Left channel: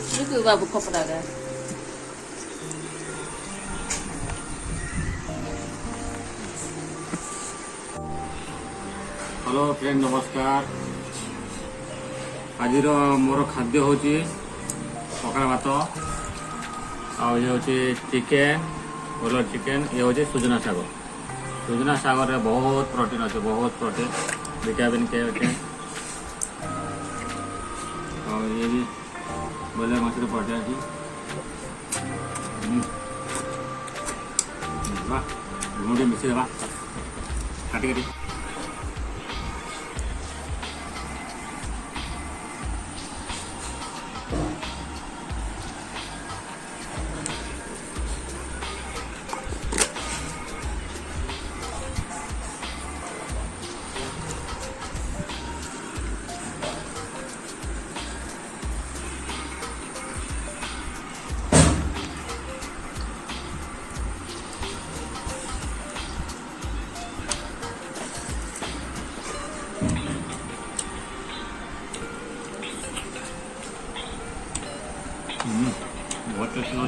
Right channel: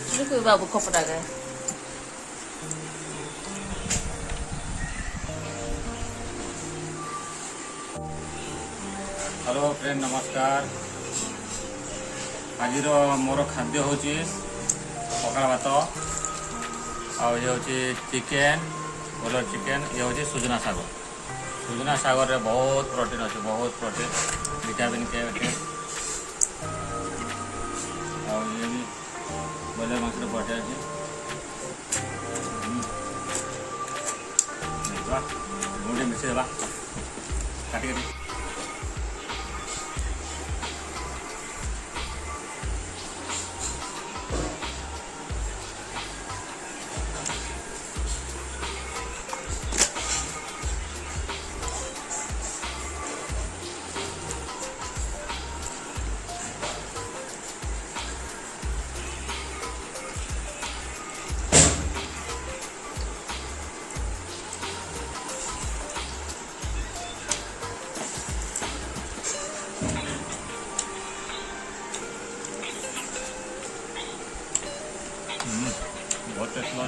그 바보 커플하가. Hello friend नमस्कार। आज मोर खाद्य हूँ पकड़ा भात आउ चिकेन कलर चिकेन ये हूँ सुजना शाग। सुजना शाग रे बहुत प्रोटीन अच्छे, बहुत प्रोटीन विटामिन के और ये भी ब्रॉयलर माछ पटे अच्छी लुण मिसेद काटी काटी बहुत टेस्ट है।